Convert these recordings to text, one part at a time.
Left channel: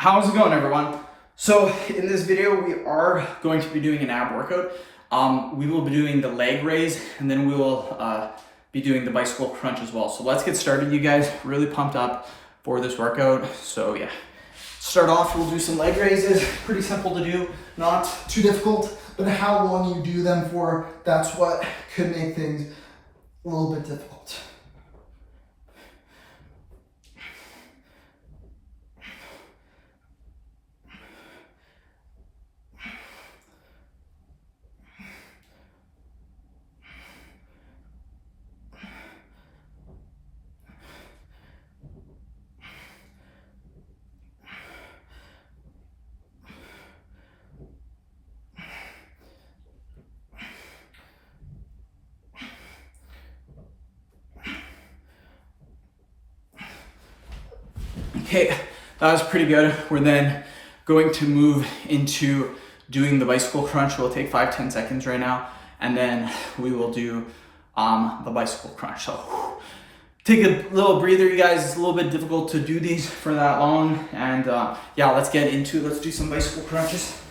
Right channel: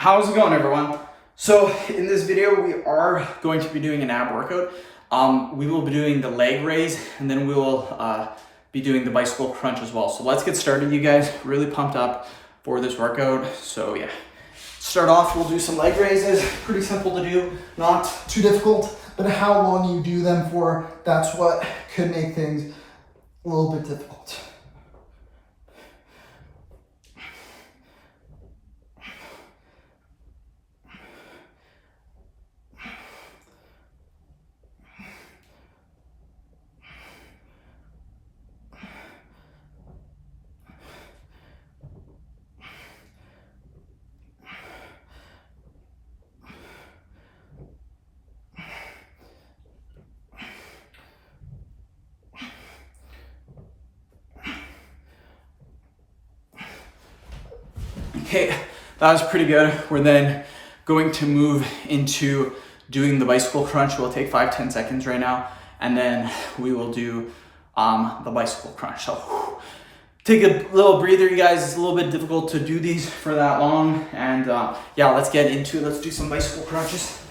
How's it going, everyone? So in this video, we are going to be doing an ab workout. We will be doing the leg raise, and then we will be doing the bicycle crunch as well. So let's get started, you guys. Really pumped up for this workout. So yeah, start off, we'll do some leg raises. Pretty simple to do, not too difficult, but how long you do them for, that's what could make things a little bit difficult. Okay, that was pretty good. We're then going to move into doing the bicycle crunch. We'll take 5-10 seconds right now, and then we will do the bicycle crunch. So take a little breather, you guys. It's a little bit difficult to do these for that long. And yeah, let's do some bicycle crunches.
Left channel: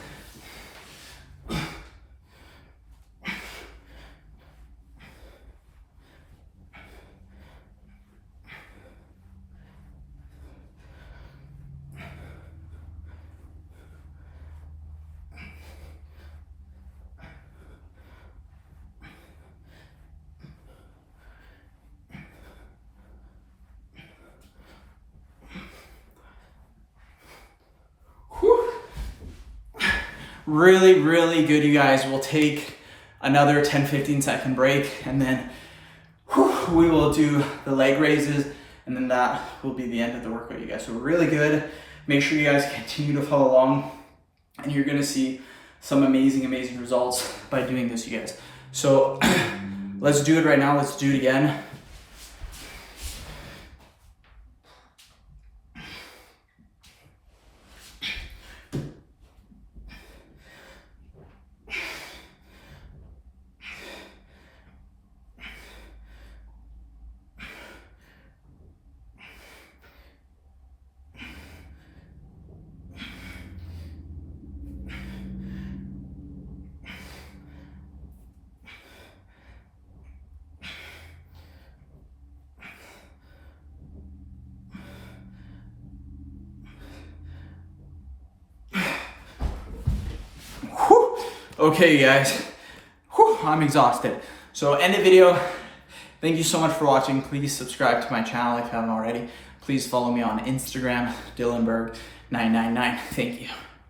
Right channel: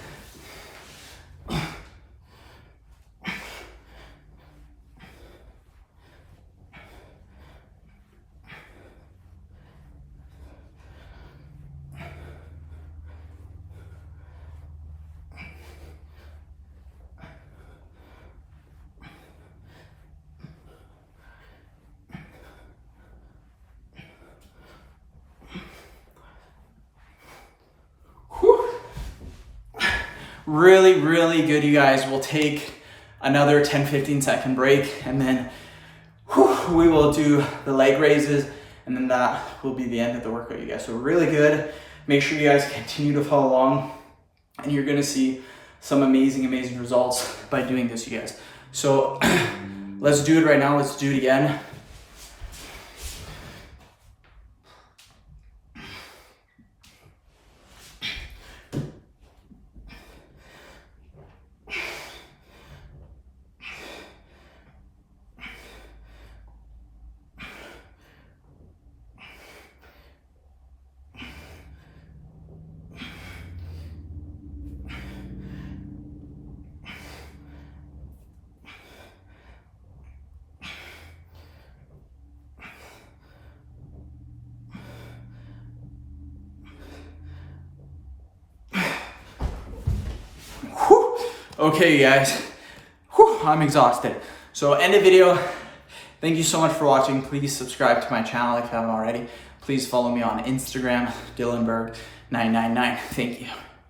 Really good, you guys. We'll take another 10-15 second break, and then we will do the leg raises, and then that will be the end of the workout, you guys. So really good. Make sure you guys continue to follow along, and you're gonna see some amazing results by doing this, you guys. So let's do it right now. Let's do it again. Okay, guys, I'm exhausted. So end the video. Thank you so much for watching. Please subscribe to my channel if you haven't already. Please follow me on Instagram, Dylanberg999. Thank you.